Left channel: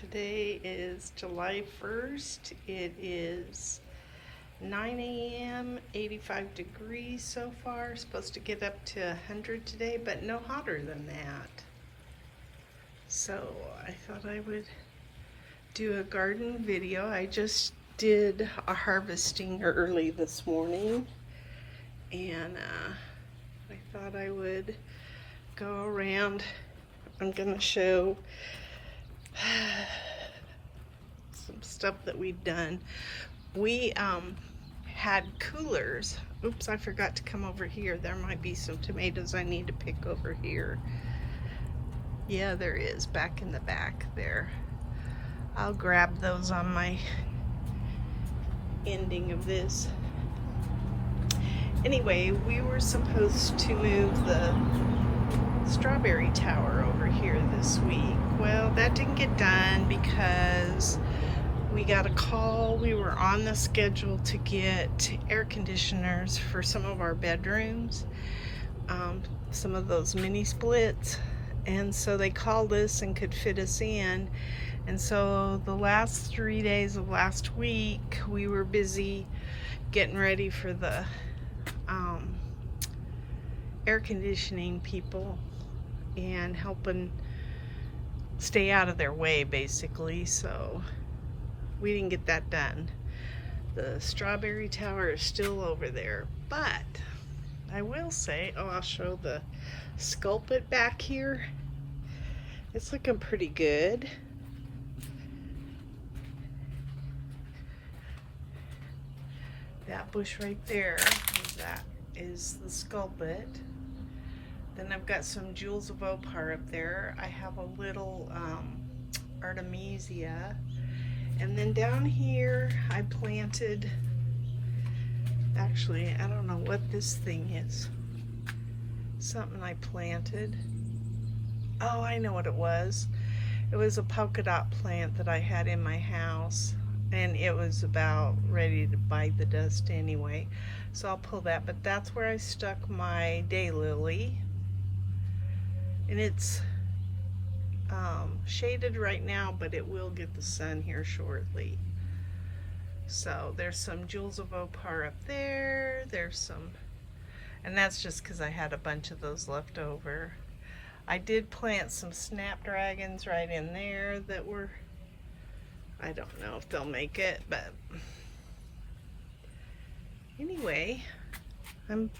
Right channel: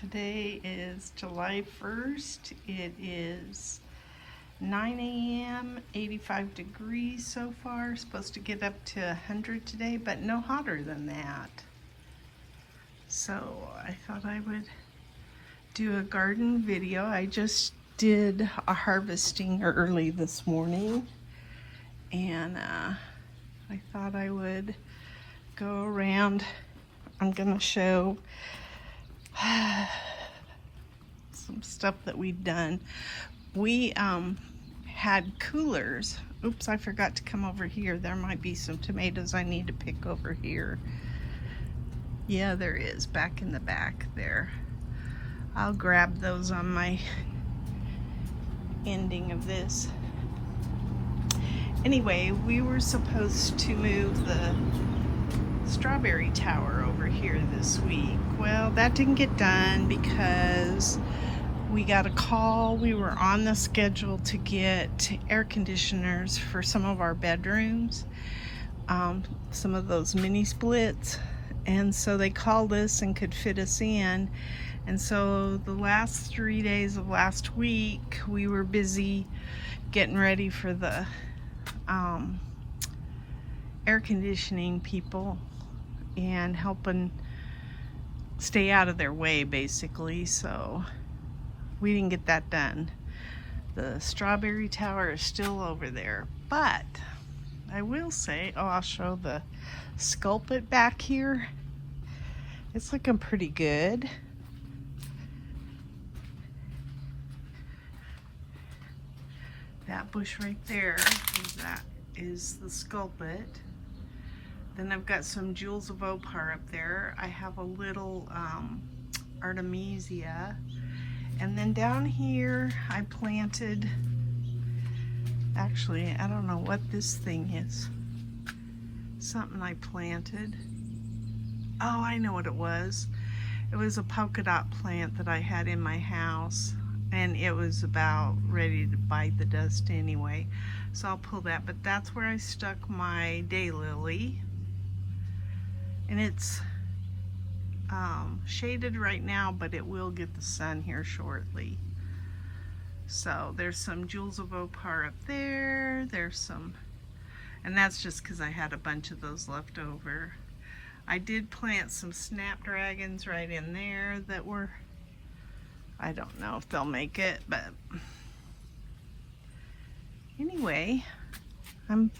Today is July 1st. It is 9 a.m., 85 degrees so far. Supposed to get up to 100 today, but no hotter than that. So I thought I would do a garden video. I just did a harvesting early this morning, and I thought I would go around. I'm gonna show some stuff that we've done. We had coolers. Oops, I forgot to come over here. There might be some tomatoes I need to pick over here. Yeah, there is, back in the back there. I'll grab those on my ending of this. Anyway, we were supposed to move the strawberry tower over here this week. Well, that didn't get done because we got a call. We were on the schedule to get air conditioners for some of our bedrooms, some of those mini splits, and so they called us and could fit us in. And so the last 3 days of last week we were busy getting ready for the air conditioning people and helping stay out of their way, basically. So we didn't get that done. The strawberry tower is still over there, but I will say, I'll show the sculpit back here. It's looking pretty good. That bush right there, that is the sculpit. Then I've got some jewels of opal up there. I have a little artemisia. And then down here I planted, actually I don't know what this thing is. Something I planted. Oh, I know what it was. It was a polka dot plant that I had in my house, and it was about ready to bite the dust anyway. So I'll pull that, but that's where I stuck my daylily. And it's shaded right now, but it will get the sun here shortly. So there's some jewels of opal up there. There's some, and that's just because I had a bunch of those left over. I did plant some snapdragons right in there that were, I don't know if they'll make it, but anyway, I'm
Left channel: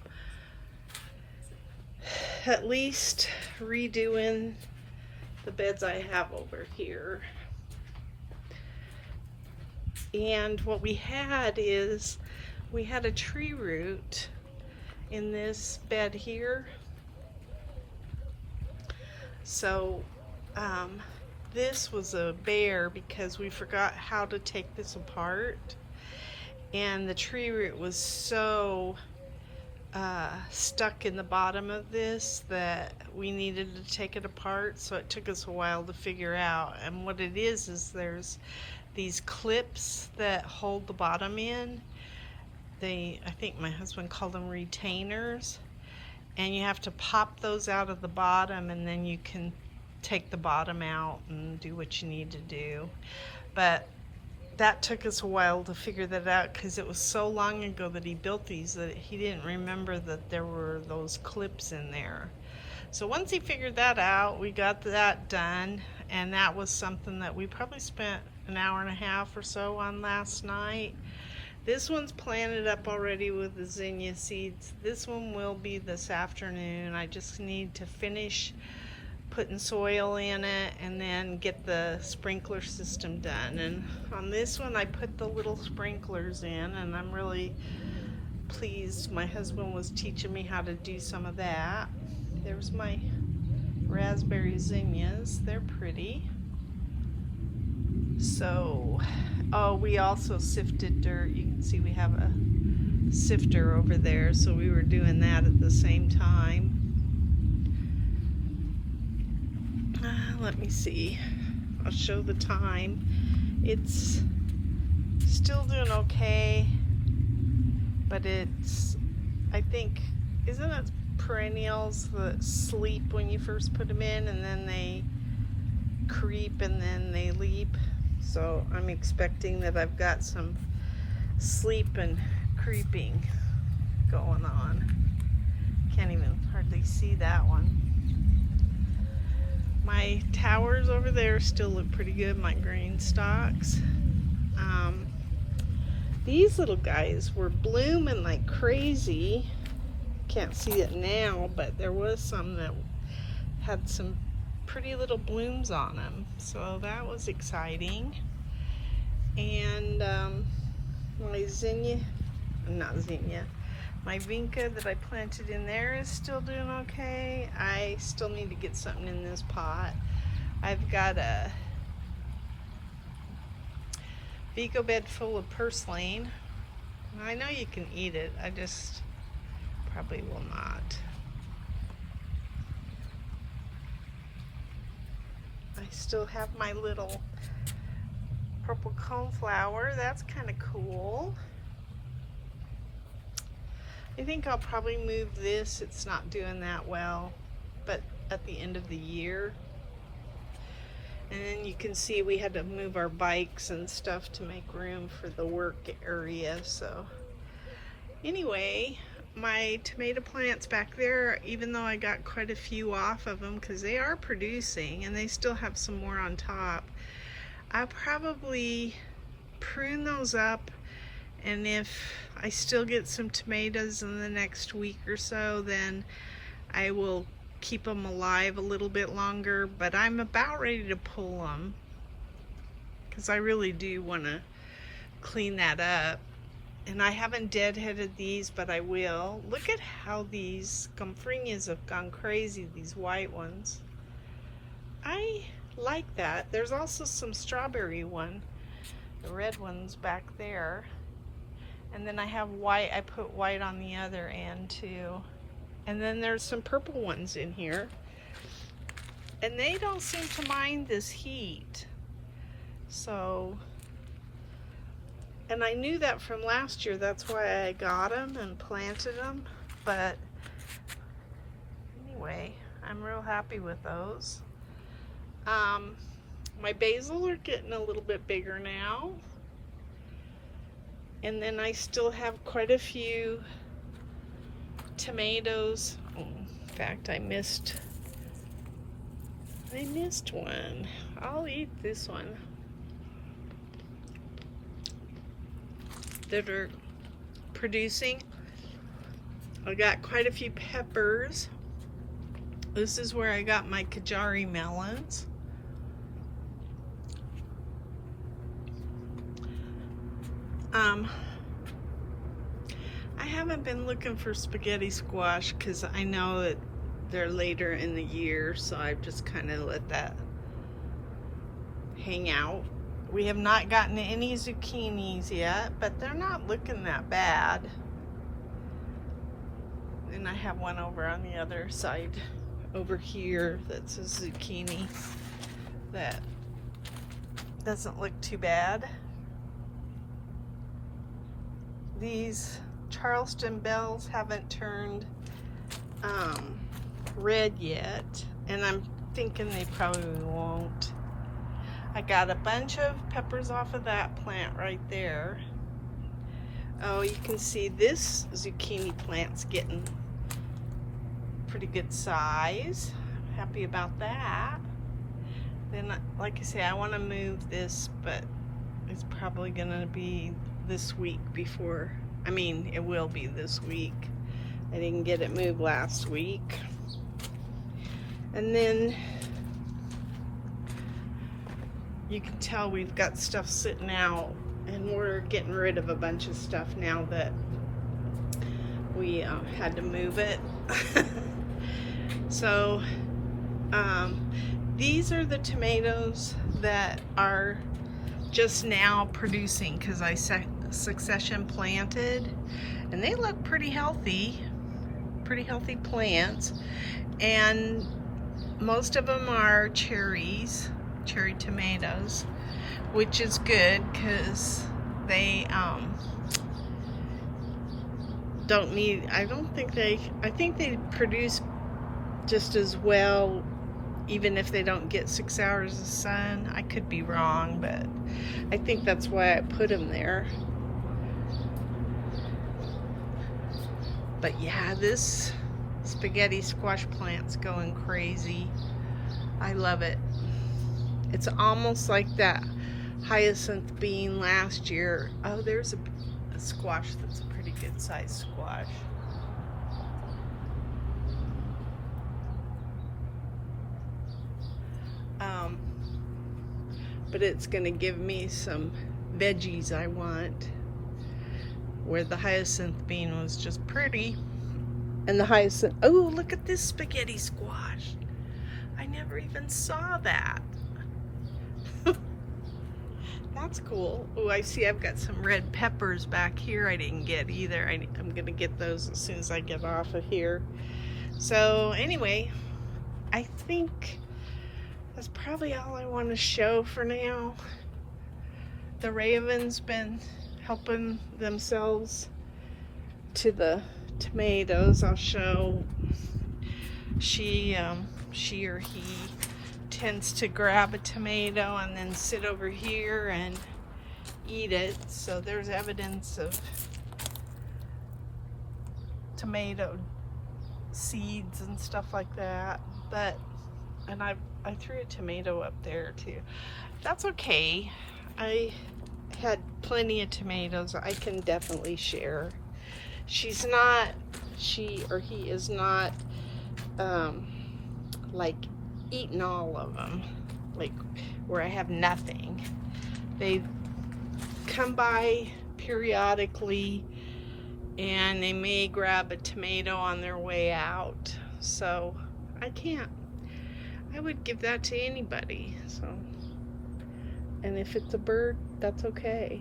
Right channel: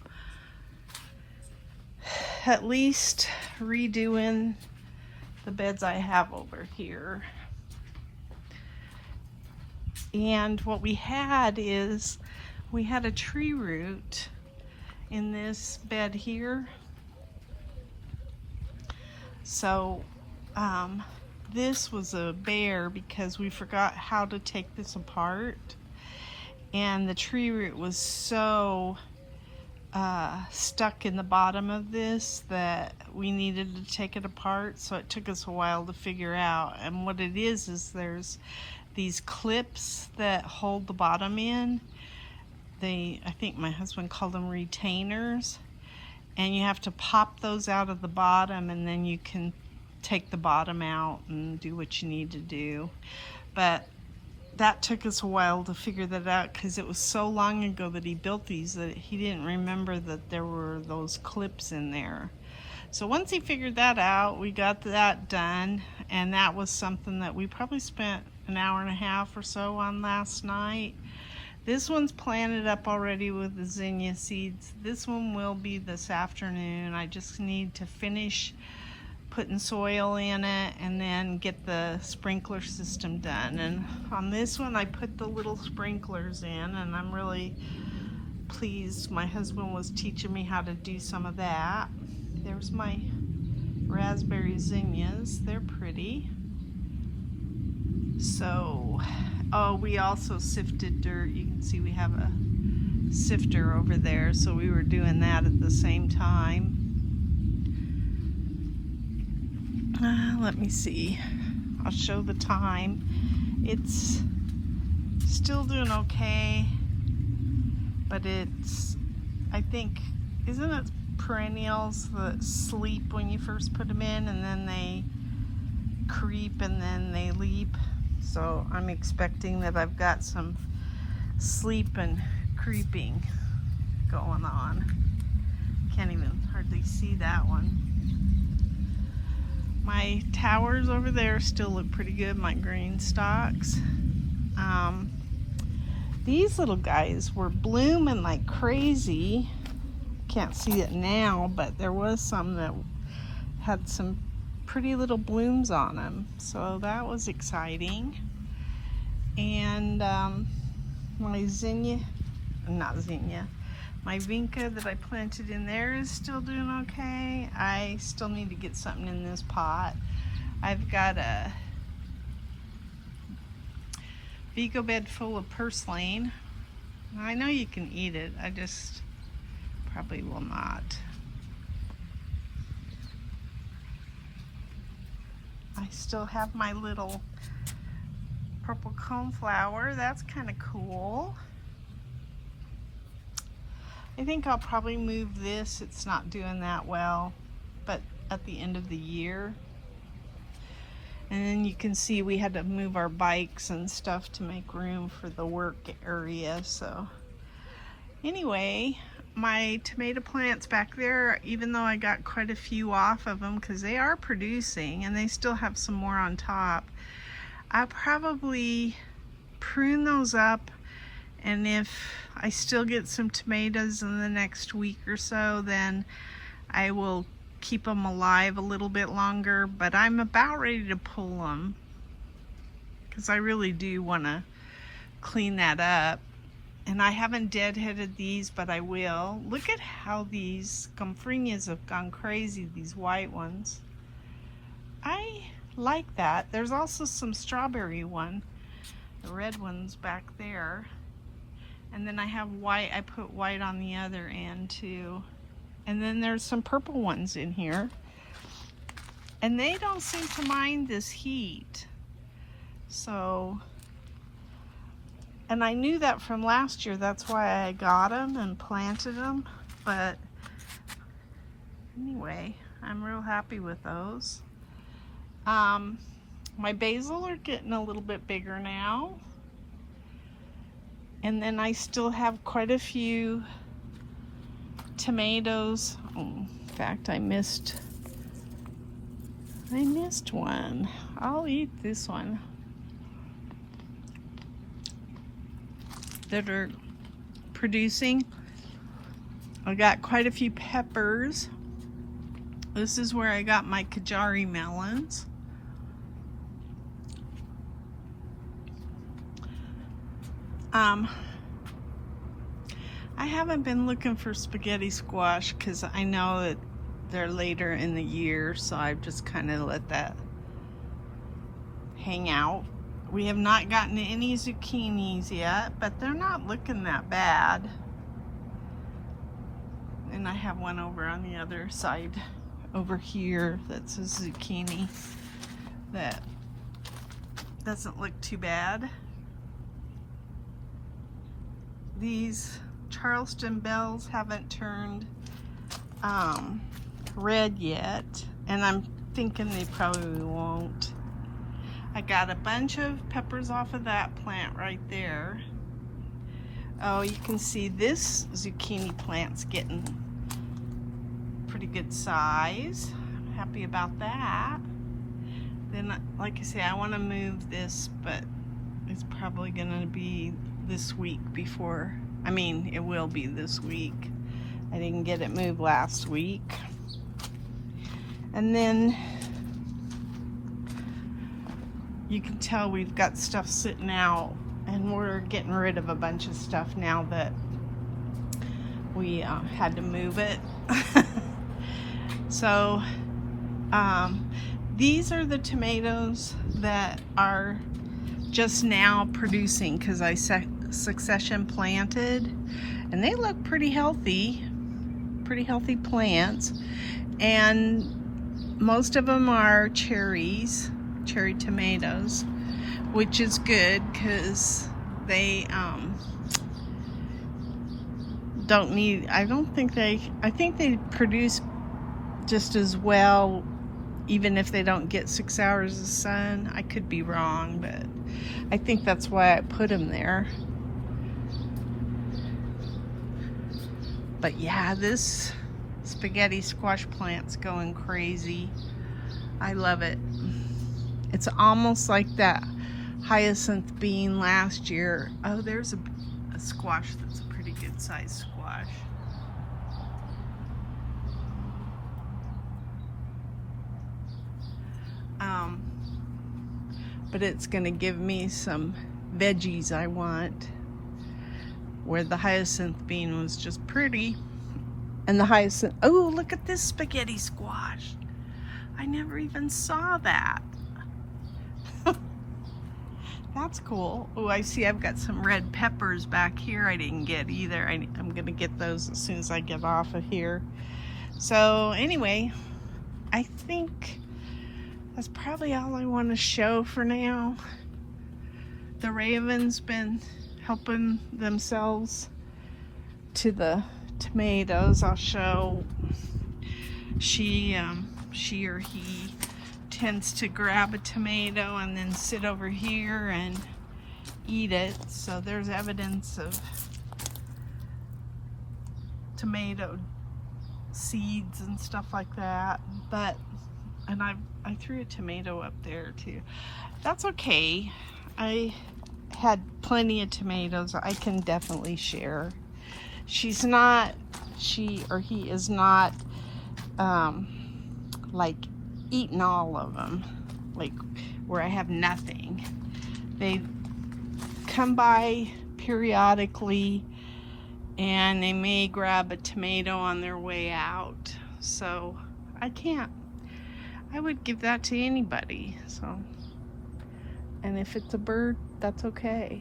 at least redoing the beds I have over here. And what we had is, we had a tree root in this bed here. So this was a bear because we forgot how to take this apart, and the tree root was so stuck in the bottom of this that we needed to take it apart. So it took us a while to figure out, and what it is there's these clips that hold the bottom in. I think my husband called them retainers, and you have to pop those out of the bottom, and then you can take the bottom out and do what you need to do. But that took us a while to figure that out because it was so long ago that he built these that he didn't remember that there were those clips in there. So once he figured that out, we got that done, and that was something that we probably spent an hour and a half or so on last night. This one's planted up already with the zinnia seeds. This one will be this afternoon. I just need to finish putting soil in it and then get the sprinkler system done. And on this one I put the little sprinklers in, and I'm really pleased. My husband was teaching me how to do some of that. There's my raspberry zinnias. They're pretty. So, oh, we also sifted dirt. You can see we have a sifter over there, so we were doing that at the same time. Let me see. I'll show the time. It's still doing okay, but it's, I think, isn't it perennials that sleep when you first put them in, and then they creep and then they leap. So I'm expecting that I've got some sleep and creeping going on. Can't even hardly see that one. My towers over there still look pretty good, my GreenStalks. These little guys were blooming like crazy. Can't see it now, but there was some that had some pretty little blooms on them, so that was exciting. And my zinnia, not zinnia, my vinca that I planted in there is still doing okay. I still need to get something in this pot. I've got a Vego bed full of purslane. I know you can eat it, I just probably will not. I still have my little purple coneflower. That's kind of cool. I think I'll probably move this. It's not doing that well, but at the end of the year. And you can see we had to move our bikes and stuff to make room for the work area. So anyway, my tomato plants back there, even though I got quite a few off of them because they are producing and they still have some more on top, I'll probably prune those up, and if I still get some tomatoes in the next week or so, then I will keep them alive a little bit longer. But I'm about ready to pull them because I really do want to clean that up. And I haven't deadheaded these, but I will. Look at how these gomphrenas have gone crazy, these white ones. I like that. There's also some strawberry one, the red ones back there. And then I have white, I put white on the other end too. And then there's some purple ones in here. And they don't seem to mind this heat. So, and I knew that from last year, that's why I got them and planted them. But anyway, I'm real happy with those. My basil are getting a little bit bigger now. And then I still have quite a few tomatoes. Oh, in fact, I missed one. I'll eat this one. That are producing. I got quite a few peppers. This is where I got my Kajari melons. I haven't been looking for spaghetti squash because I know that they're later in the year, so I've just kind of let that hang out. We have not gotten any zucchinis yet, but they're not looking that bad. And I have one over on the other side over here that's a zucchini that doesn't look too bad. These Charleston bells haven't turned red yet, and I'm thinking they probably won't. I got a bunch of peppers off of that plant right there. Oh, you can see this zucchini plant's getting pretty good size. I'm happy about that. Then, like I say, I want to move this, but it's probably gonna be this week before, I mean, it will be this week. I didn't get it moved last week. And then you can tell we've got stuff sitting out, and we're getting rid of a bunch of stuff now that we had to move it. So these are the tomatoes that are just now producing because I succession planted, and they look pretty healthy plants, and most of them are cherry tomatoes, which is good because they don't need, I think they produce just as well even if they don't get 6 hours of sun. I could be wrong, but I think that's why I put them there. But yeah, this spaghetti squash plant's going crazy. I love it. It's almost like that hyacinth bean last year. Oh, there's a squash that's a pretty good sized squash. But it's gonna give me some veggies I want, where the hyacinth bean was just pretty. And the hyacinth, oh, look at this spaghetti squash. I never even saw that. That's cool. Oh, I see I've got some red peppers back here I didn't get either. I'm gonna get those as soon as I get off of here. So anyway, I think that's probably all I want to show for now. The raven's been helping themselves to the tomatoes. I'll show. She or he tends to grab a tomato and then sit over here and eat it. So there's evidence of tomato seeds and stuff like that. But and I threw a tomato up there too. That's okay. I had plenty of tomatoes. I can definitely share. She or he is not like eating all of them, like where I have nothing. They come by periodically and they may grab a tomato on their way out. So I would give that to anybody. So, and if it's a bird, that's okay.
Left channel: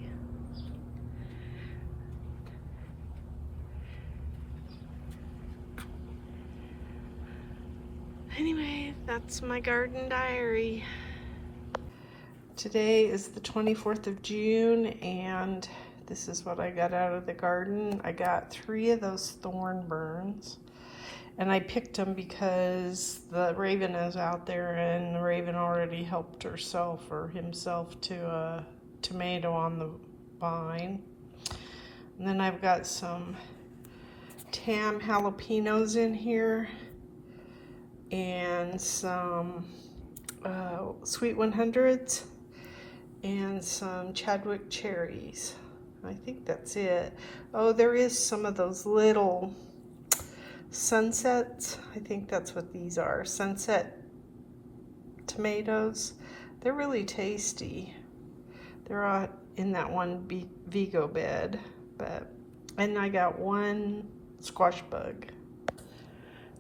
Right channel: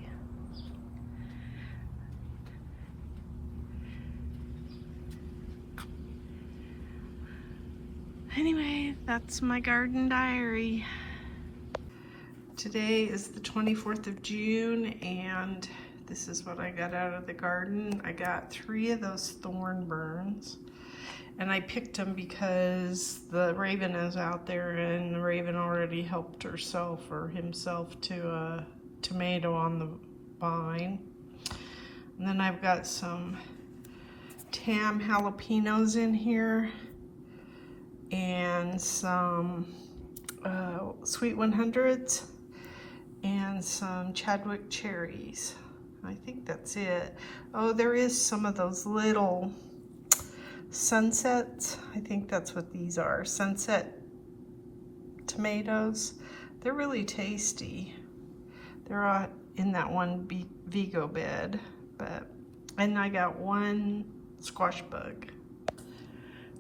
Anyway, that's my garden diary. Today is the 24th of June, and this is what I got out of the garden. I got 3 of those thorn burns, and I picked them because the raven is out there, and the raven already helped herself or himself to a tomato on the vine. And then I've got some Temps jalapenos in here, and some sweet 100s, and some Chadwick cherries. I think that's it. Oh, there is some of those little sunsets. I think that's what these are. Sunset tomatoes. They're really tasty. They're all in that one Vego bed. And I got 1 squash bug.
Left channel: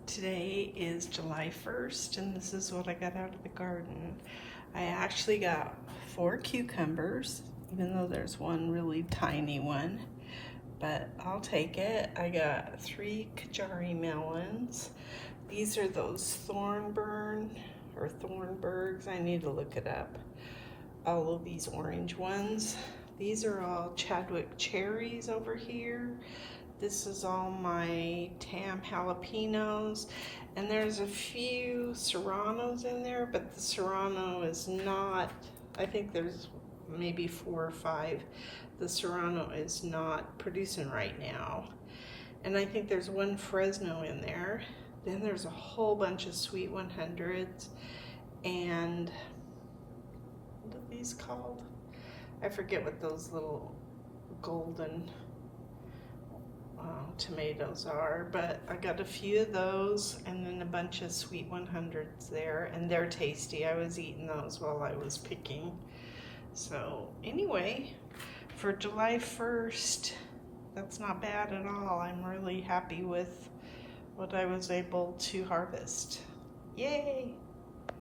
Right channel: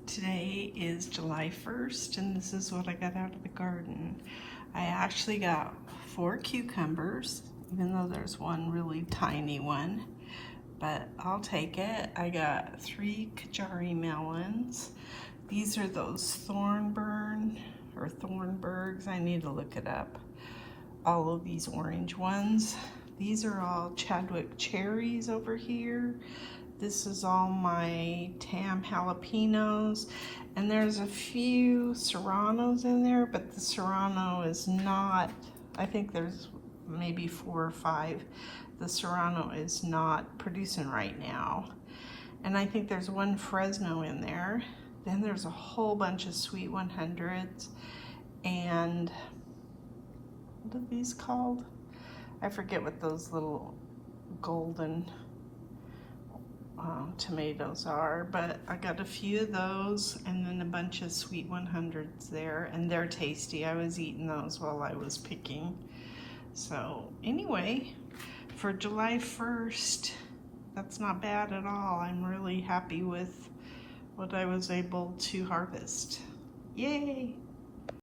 Today is July 1st, and this is what I got out of the garden. I actually got 4 cucumbers, even though there's one really tiny one, but I'll take it. I got 3 Kajari melons. These are those thornburgs. I need to look it up. All of these orange ones. These are all Chadwick cherries over here. This is all my Temps jalapenos, and there's a few serranos in there, but the serrano is not, I think there's maybe 4 or 5. The serrano is not producing right now. And I think there's 1 Fresno in there. Then there's a whole bunch of sweet 100s, and what are these called? I forget what those little golden tomatoes are, but I got a few of those, and then a bunch of sweet 100s there, and they're tasty. I was eating those while I was picking. So anyway, for July 1st, that's not bad at all. I'm really happy with what I was able to harvest. Yay!